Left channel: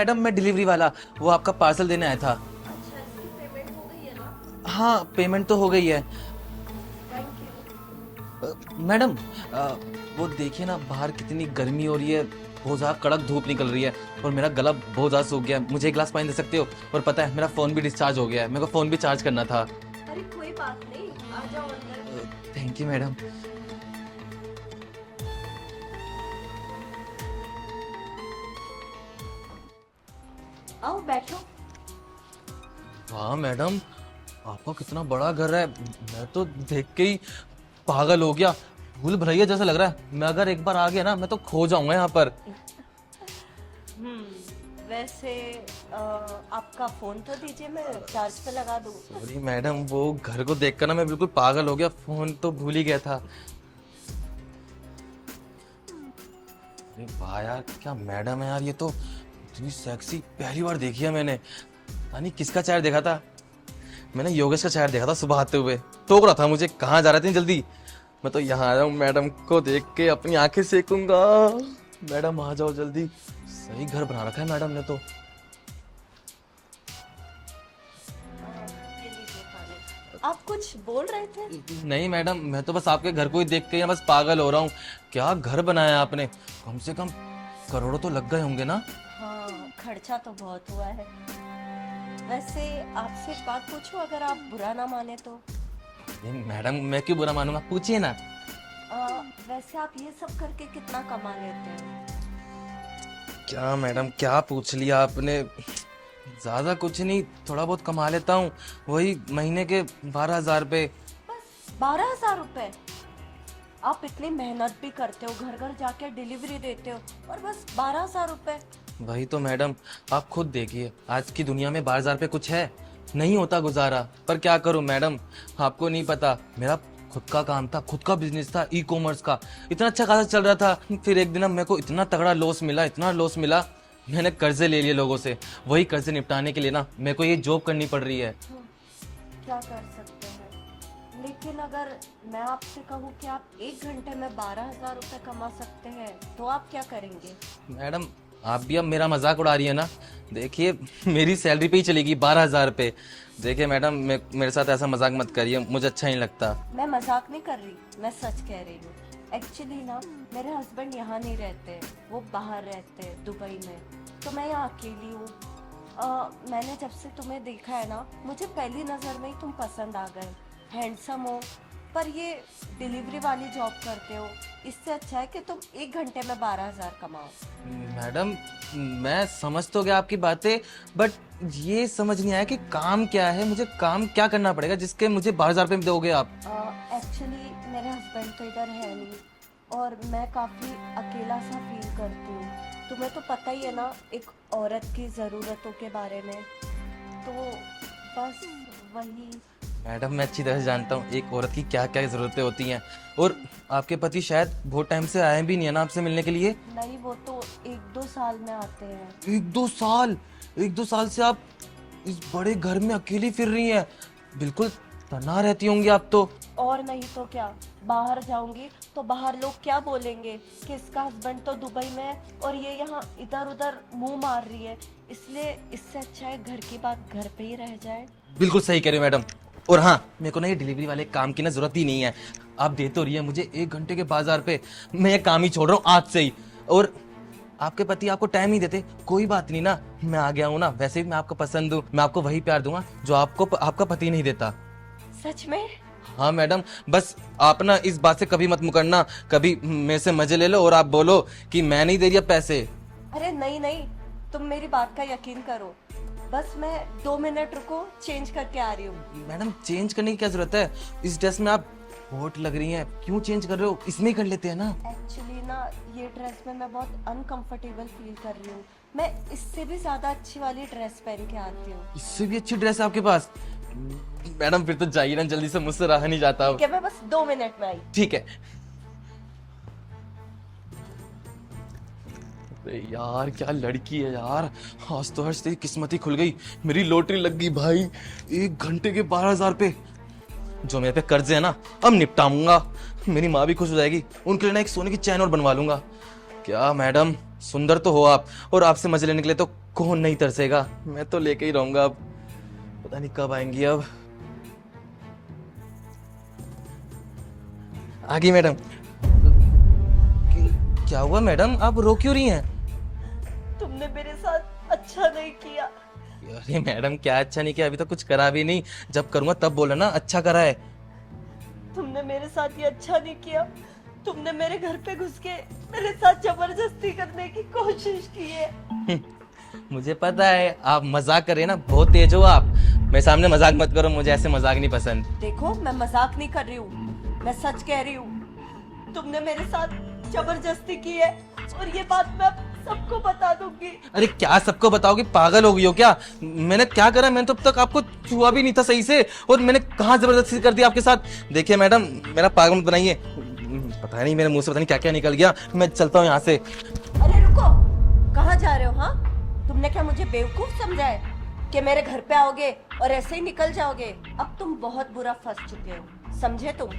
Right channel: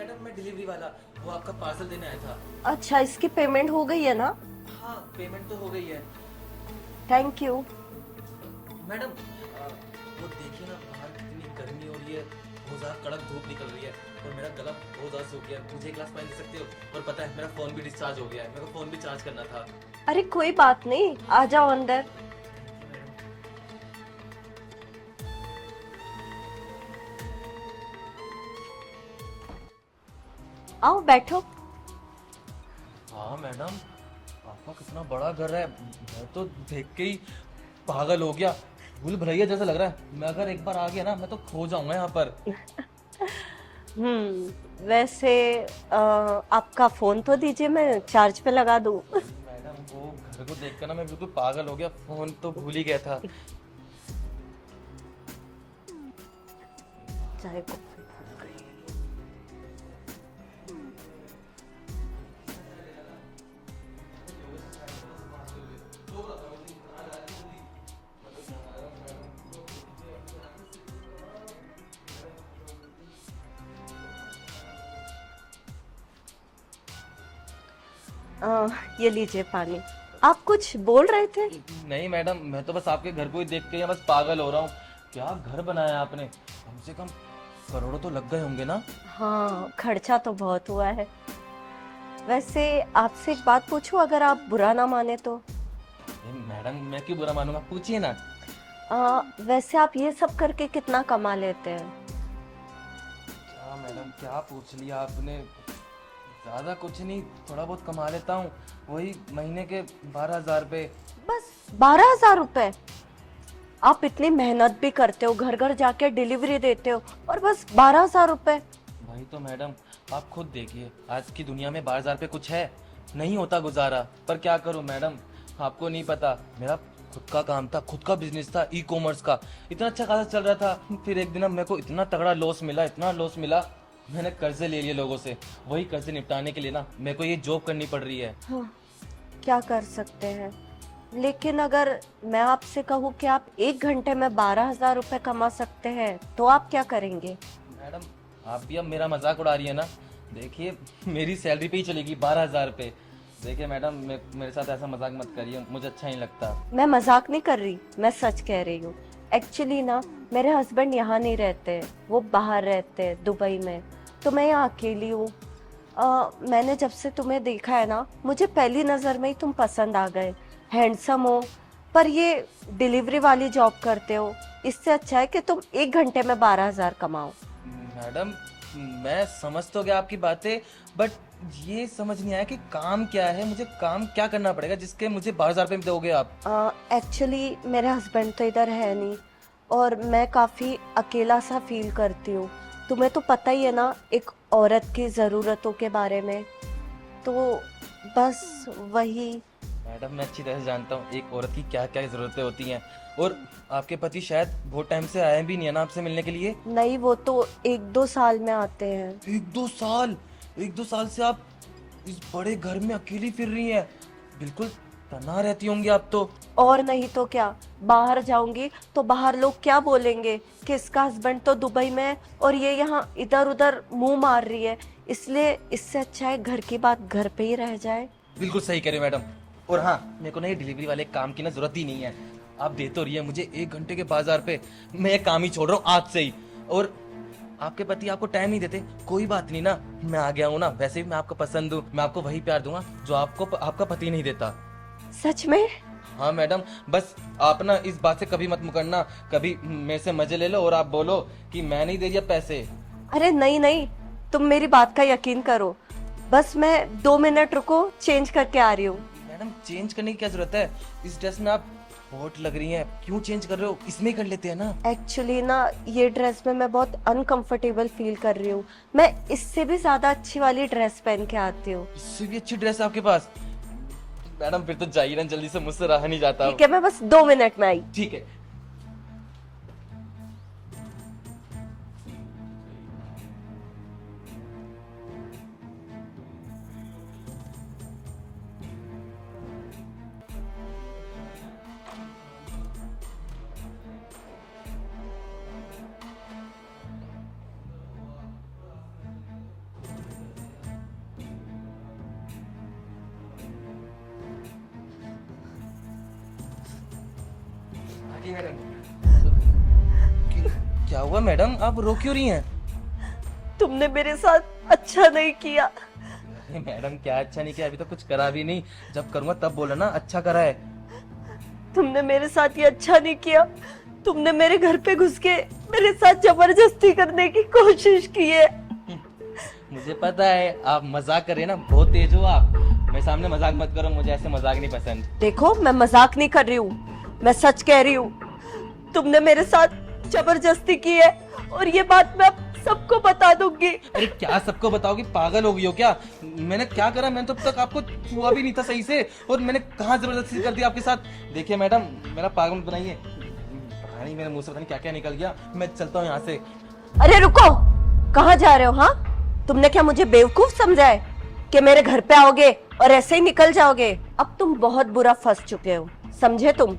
Madam मैं delivery वाला, वो आपका पार्सल देने आया था। अच्छा, इसकी पेमेंट हो गई है ना? हाँ पेमेंट तो हो गई है। Thank you. मैडम वो देखिए ना बाहर कितनी गर्मी हो रही है, बहुत ज़्यादा कड़क धूप निकल रही है और मेरा गला बहुत ज़्यादा सूख गया है। मुझे एक गिलास पानी दे सकते हो? और पता है मेरा फ़ोन भी डिस्चार्ज हो गया है, मेरे को फ़ोन भी चार्ज करना था। अरे कोई बात नहीं, आ जाओ अंदर। Thank you madam. आओ बैठो। हाँ मैडम, आपका कितना बड़ा घर है, मैं तो देख के ही पागल हो गया। भूल भुलैया जैसा लग रहा है। मैं अगर एक बार आ गया ना मैं तो खो जाऊंगा यहाँ पर। वैसे आपका फोन तो दीजिए, मैं चार्ज पे लगा दूं। अरे मैडम वो घर को देखकर ना मैं बिल्कुल पागल हो गया, फोन तो भूल ही गया था। अरे वाह यार, क्या मैडम है यार, ये तो इतनी सेक्सी पहली बार देखी है मैंने। यानी किसका चेहरा देखा था? मैंने योगेश का चेहरा देखा था सुबह आते हुए, टोक रहा था मुझे कहाँ जा रहे थे जल्दी। मैं तो यहाँ आया हूँ मैडम को देख के अपनी आंखें सेकूंगा। मैडम आ जाओ जल्दी, सही घर बना रखा है मैडम ने तो। ये लीजिए पानी। आप कुछ बोल रहे थे? नहीं मैडम, मैं तो बस आपके घर को ही देख के यहाँ बस पागल हो रहा हूँ। क्या घर बनाया आपने, कम से कम करोड़ों तो लग गए होंगे ना? हाँ, खर्चा तो बहुत हुआ है। वैसे आपसे एक बात पूछूं, अगर आप बुरा ना माने तो? नहीं, मैडम मैं क्यों बुरा मानूंगा, पूछिए ना। वैसे आप ये सब करके कितना कमा लेते हैं? क्या मैडम क्या पूछ लिया आपने, ज्यादा कुछ नहीं, थोड़ा बहुत कमा लेता हूँ, वही महीने के 12,000 रुपए। बस 12,000 रुपए? आप इतनी मेहनत भी करते हो, घर घर जाके डिलीवरी देते हो, और बस 12,000 रुपए? वही तो मैडम, आप खुद देखिए आज की दुनिया में 12,000 रुपए कुछ है, नहीं होता गुजारा। पर क्या करूं मैडम, आपको नहीं पता, मेरा खुद का काम था, खुद का बिजनेस था, ई कॉमर्स का, इतना अच्छा खासा चल रहा था। फिर एक दिन मेरे को इतना तगड़ा लॉस मिला, इतना लॉस मिला, मैंने कर्जे ले लिए लोगों से। वही कर्जे निपटाने के लिए ना मेरे को ये जॉब करनी पड़ रही है। क्या कर सकते हैं। लेकिन अगर मैं आपसे कहूँ कि आप 1 घंटे में 12,000 रुपए कमा सकते हैं, तो आप क्या करेंगे? मैडम आप भी अब मेरा मजाक उड़ा रही है ना, देखिए मेरी सैलरी पे ही चलेगी 12,000 रुपए। देखिए मैडम मेरे साथ ऐसा मजाक मत करिए, मुझे अच्छा नहीं लगता। मैं मजाक नहीं कर रही, मैं सच कह रही हूँ। एक्चुअली ना, मेरे हस्बैंड यहाँ नहीं रहते, वो बाहर रहते हैं दुबई में, तो मैं यहाँ अकेली हूँ। मैंने जब से तुम्हें देखा है ना, मुझे पहली नज़र में ही तुम पसंद आ गए। हैंडसम हो, पर ये डिलीवरी वाली जॉब करते हो, इससे अच्छा है कि तुम 1 घंटे में 12,000 कमाओ। मैडम मैं समझ तो गया आपकी बातें, बट ये समझ नहीं आया कि काम क्या है, मुझे काम क्या करना पड़ेगा जिसके मुझे 12,000 रुपये दोगे आप? एक्चुअली मेरे हस्बैंड तो इधर है नहीं, और मैं काफ़ी अकेला सा फील करती हूँ। तुम्हें तो पता ही है ना एक औरत की ज़रूरतों के बारे में, तो बस वही। मैडम मैं अच्छी तरह से जानता हूँ एक औरत की क्या क्या जरूरतें होती हैं, और आपके पति शायद बहुत टाइम से आए भी नहीं है ना आपसे मिलने के लिए। नहीं, वो तो 1-2 साल में आते हैं। 1-2 साल से आप इस बड़े घर में अकेली फिर रही हैं, बिल्कुल तन्हा रहती होंगी आप तो। और नहीं तो क्या, बाहर जाऊंगी तो बाहर लोग क्या बोलेंगे कि इसका हस्बैंड तो दुबई में है और ये यहाँ इधर उधर मुंह मार रही है। इसलिए इससे अच्छा है घर की बात घर पे ही रह जाए। बिल्कुल सही कह रहे हो मैडम। और हाँ, मेरे को ना ये डिलीवरी वाले काम की ना जरूरत ही नहीं है, आप दे तो रही है मुझे 1 घंटे के 12,000 रुपए, मैं ये काम ही छोड़ रहा हूँ आज से ही। और आपके पति आपको टाइम नहीं देते, कोई बात नहीं ना, मैं आ गया हूँ ना, वैसे भी मैं आपको पसंद हूँ, मैं आपको वही प्यार दूंगा जो आपको आपका पति नहीं देता। सच में? हाँ मैडम, बस आप ना इस बात से कभी मत मुकरना, कभी मेरे से मजे ले लो और आप बोलो कि मैं नहीं दे रही अब पैसे। अरे नहीं नहीं, तुम मेरी बात का यकीन करो, बस मैं 2 मिनट रुको, चेंज करके आ रही हूँ। मैडम चेंज करने की क्या जरूरत है, इस ड्रेस में आप बहुत लग रही हैं, क्यों चेंज कर रहे हो, इसमें ही कर लेते हैं ना। एक्चुअली ना, ये ड्रेस में मैं बहुत अनकंफर्टेबल फील कर रही हूँ। मैं इससे भी ज्यादा अच्छी वाली ड्रेस पहन के आती हूँ। इससे भी अच्छी ड्रेस है आपके पास? मैडम फिर तो जाइए ना, जल्दी से, मुझसे रहा नहीं जाता। ठीक है, मैं बस 2 मिनट में आई। ठीक है। अरे यार क्या लड़की है यार, आज तो हर्ष तेरी किस्मत ही खुल गई, मेरी लॉटरी लग गई भाई। 1 घंटे के 12,000 रुपए, जो मेरे पे कर्जे है ना अब निपटाऊंगा, मेरी माँ भी खुश हो जाएगी, उनके लिए ना एक सोने की चैन और बनवा लूंगा। क्या मैडम, सुंदर तो हो आप, और आपसे मजे लेने के लिए तो कौन नहीं तरसेगा। मैं तो लेके ही रहूंगा अब, पता नहीं कब आएंगी अब। आ गई मैडम। क्या हुआ मैडम, आप रो क्यों रही हैं? तुमने मेरे साथ अच्छा नहीं किया। अरे मैडम, क्या अच्छा नहीं किया? अभी तो कुछ करा भी नहीं, जब करूंगा तब बोलो ना अच्छा करा है। तुमने मेरे साथ ये अच्छा नहीं किया। तुमने मेरे घर पे घुस के मेरे साथ जबरदस्ती करने की कोशिश की है। मुझे पता है आप मजाक कर रहे हैं ना, बहुत तेज हो आप। मेरे सामने मजाक मत करो, मुझे ऐसे मजाक नहीं पसंद। देखो, मैं मजाक नहीं कर रही हूँ, मैं सच कह रही हूँ। तुमने मेरे साथ जबरदस्ती की है और ये बात मैं अब सबको बता दूंगी। अरे क्या सबको बताओगी, पागल हो गई हो क्या? मैंने क्या करा? मैंने तो अब तक आपको छुआ भी नहीं था सही से, और मैंने कहाँ जबरदस्ती कर दी आपके साथ? देखिए मैडम, मेरा पागल मत बनाइए। पता नहीं मेरे मुंह से पता नहीं क्या क्या निकल गया। मैं चलता हूँ यहाँ से। अरे रुको, कहाँ जा रहे हो? हाँ, तुमने क्या मुझे बेवकूफ समझा है कि मेरे घर पे आओगे और ऐसे ही निकल जाओगे? अब तुम बहुत बुरा फंस चुके हो, समझे तुम?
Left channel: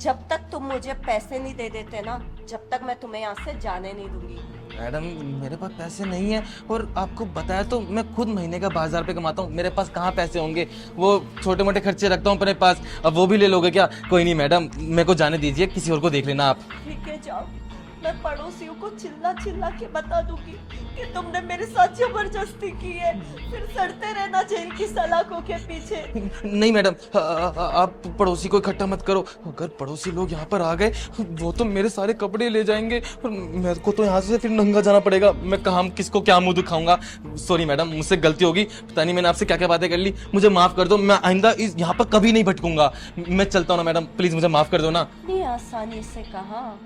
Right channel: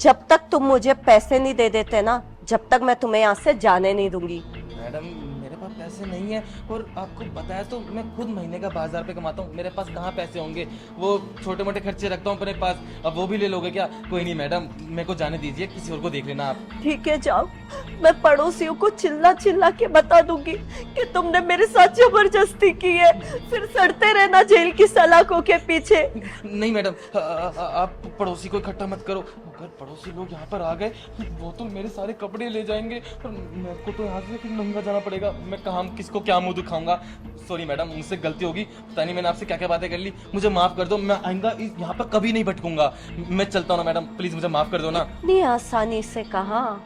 जब तक तुम मुझे पैसे नहीं दे देते ना, जब तक मैं तुम्हें यहाँ से जाने नहीं दूंगी। मैडम, मेरे पास पैसे नहीं है, और आपको बताया तो मैं खुद महीने का 12,000 रुपये कमाता हूँ। मेरे पास कहाँ पैसे होंगे? वो छोटे मोटे खर्चे रखता हूँ अपने पास, अब वो भी ले लोगे क्या? कोई नहीं मैडम, मेरे को जाने दीजिए, किसी और को देख लेना आप। ठीक है, जाओ। मैं पड़ोसियों को चिल्ला चिल्ला के बता दूंगी कि तुमने मेरे साथ जबरदस्ती की है। फिर सड़ते रहना जेल की सलाखों के पीछे। नहीं मैडम, आप पड़ोसी को इकट्ठा मत करो। अगर पड़ोसी लोग यहाँ पर आ गए, वो तो मेरे सारे कपड़े ले जाएंगे, और मेरे को तो यहाँ से फिर नंगा जाना पड़ेगा। मैं कहाँ किसको क्या मुंह दिखाऊंगा? सॉरी मैडम, मुझसे गलती होगी। पता नहीं मैंने आपसे क्या क्या बातें कर ली, मुझे माफ कर दो। मैं आइंदा यहाँ पर कभी नहीं भटकूंगा। मैं चलता हूँ ना मैडम, प्लीज मुझे माफ कर दो ना। इतनी आसानी से कहा?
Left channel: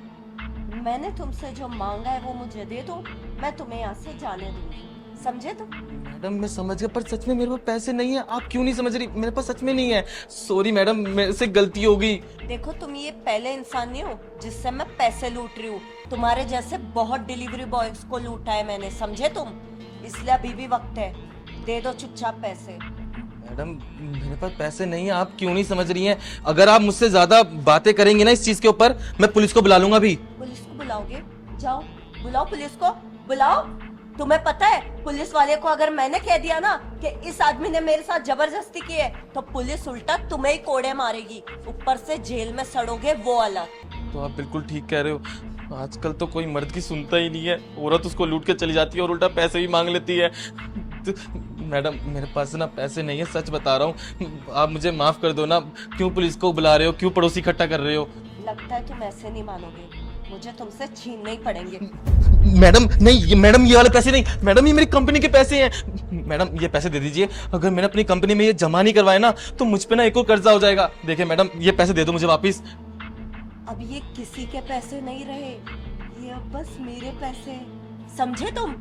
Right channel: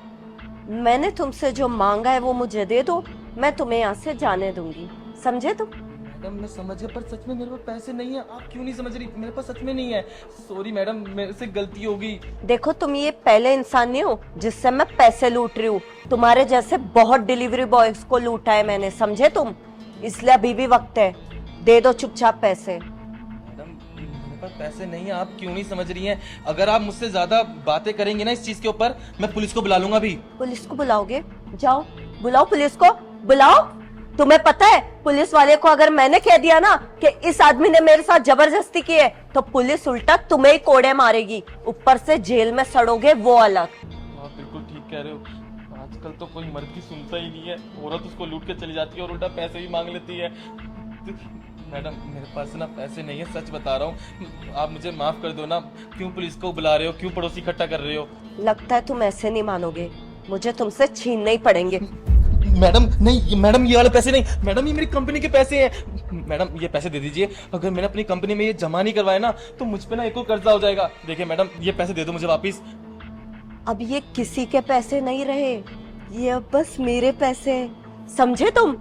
मैंने तुमसे जो मांगा है वो मुझे दे दो, मैं तुम्हें यहाँ से जाने दूंगी, समझे तुम? मैडम मैं समझ गया, पर सच में मेरे पास पैसे नहीं है। आप क्यों नहीं समझ रही? मेरे पास सच में नहीं है। सॉरी मैडम, मेरे से गलती हो गई। देखो, तुम ये पहले इंसान नहीं हो जिससे मैं पैसे लूट रही हूँ। तुम्हारे जैसे बहुत डिलीवरी बॉयज को लूटा है मैंने, समझे तुम? इसलिए अभी भी वक्त है, दे दो चुपचाप पैसे। मैडम मेरे पास पैसे नहीं है, आप क्यों नहीं समझ रही हैं? अगर आप मुझसे ज्यादा बातें करेंगी ना इस चीज के ऊपर, मैं पुलिस को बुला लूंगा भी। पुलिस को बुलाओगे? जाओ, बुलाओ पुलिस को, बुलाओ। तुम्हें पता है, पुलिस वाले को अगर मैंने कह दिया ना कि इस आदमी ने मेरे साथ जबरदस्ती की है, तो पुलिस उल्टा तुम्हें ही कोड़े मारेगी, ऊपर से जेल में सड़ोगे वो अलग। तो आप बिल्कुल ठीक कह रहे हो। आजकल तो कोई मर्द की सुनता ही नहीं है, औरत उसको लूट के चली जाती है और उल्टा पैसे भी मांग लेती है। तो, मैडम मेरे पास ना पैसे नहीं है, सच बता रहा हूँ। आप मुझे माफ कर दो ना। क्यों पुलिस को बुला रहे हो? क्यों पड़ोसी इकट्ठा कर रहे हो? लगता है तुम ऐसे नहीं मानोगे, मुझे तुमसे छीनने ही पड़ेंगे। मैडम नहीं, मैडम ये वाले पैसे नहीं, मैडम ये मेरी कंपनी के पैसे हैं। मैडम ये पैसे दे दीजिए। अगर मैंने अपनी कंपनी में ये जमा नहीं करवाए ना, तो मुझ पे ना एक और कर्जा हो जाएगा। देखिए मैडम, ये पैसे दे दो मुझे वापस। अब ये किसी के पैसे नहीं रहे, ये अब बस मेरे पैसे हैं, समझे तुम?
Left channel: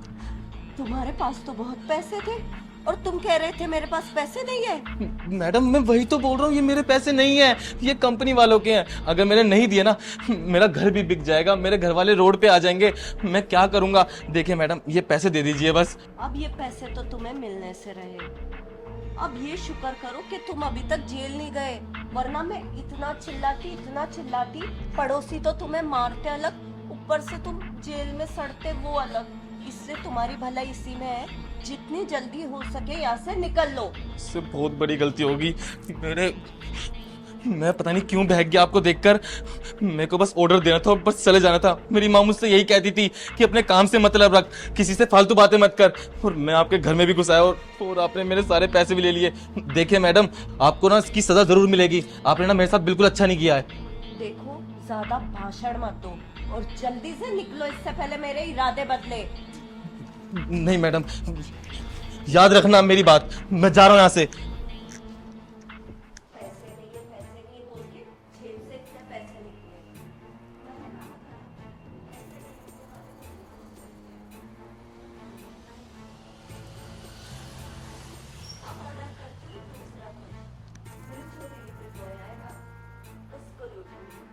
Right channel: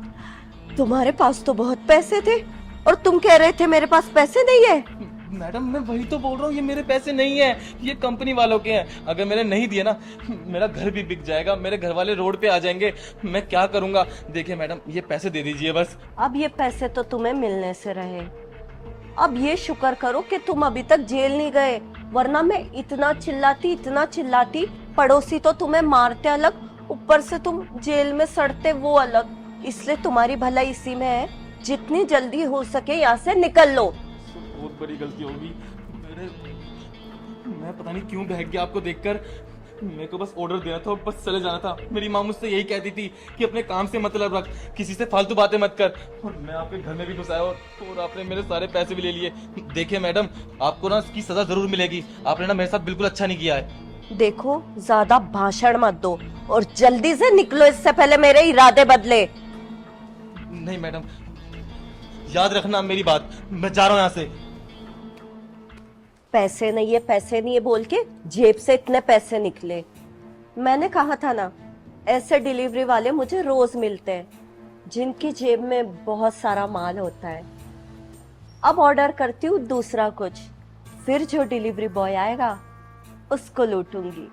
तुम्हारे पास तो बहुत पैसे थे और तुम कह रहे थे मेरे पास पैसे नहीं है। मैडम मैं वही तो बोल रहा हूँ, ये मेरे पैसे नहीं है, ये कंपनी वालों के हैं। अगर मैंने नहीं दिए ना, मेरा घर भी बिक जाएगा, मेरे घर वाले रोड पे आ जाएंगे, मैं क्या करूंगा? देखिए मैडम, ये पैसे दे दीजिए बस। अब ये पैसे तो तुम्हें मिलने से रहे। अब ये शुक्र करो कि तुम अभी तक जेल नहीं गए, वरना मैं इतना चिल्लाती, पड़ोसी तो तुम्हें मारते अलग, ऊपर से तुम जेल में सड़ते वो अलग। इसलिए तुम्हारी भलाई इसी में है, जितनी जल्दी हो सके यहाँ से निकल लो। इससे बहुत बड़ी गलती होगी मैं पता नहीं क्यों बहक गया आपको देखकर। मेरे को बस ऑर्डर देना था और बस चले जाना था। मेरी माँ मुझसे यही कहती थी कि अपने काम से मतलब रख, किसी से फालतू बातें मत कर। और मैं आपके घर में भी घुस आया और आपने मेरे सारे पैसे भी ले लिए। देखिए मैडम, आपको ना इसकी सजा जरूर मिलेगी। आपने ना मेरे साथ बिल्कुल अच्छा नहीं किया है। देखो, ज्यादा भाषण मत दो और जल्दी से निकलो, इससे पहले मेरे इरादे बदले। नहीं मैडम, याद रखना मेरी बात, मैं जा रहा हूँ यहाँ से। पैसे नहीं है बोल के जेब से इतने पैसे निकले। मैंने कहा था ना, ऐसे डिलीवरी वाले मुझे रोज मिलते हैं, जिनकी जेब में बहुत सारा माल होता है। अब ऑर्डर करती हूँ दूसरा कुछ, फिर जो डिलीवरी बॉय आएगा उसको लूटूंगी।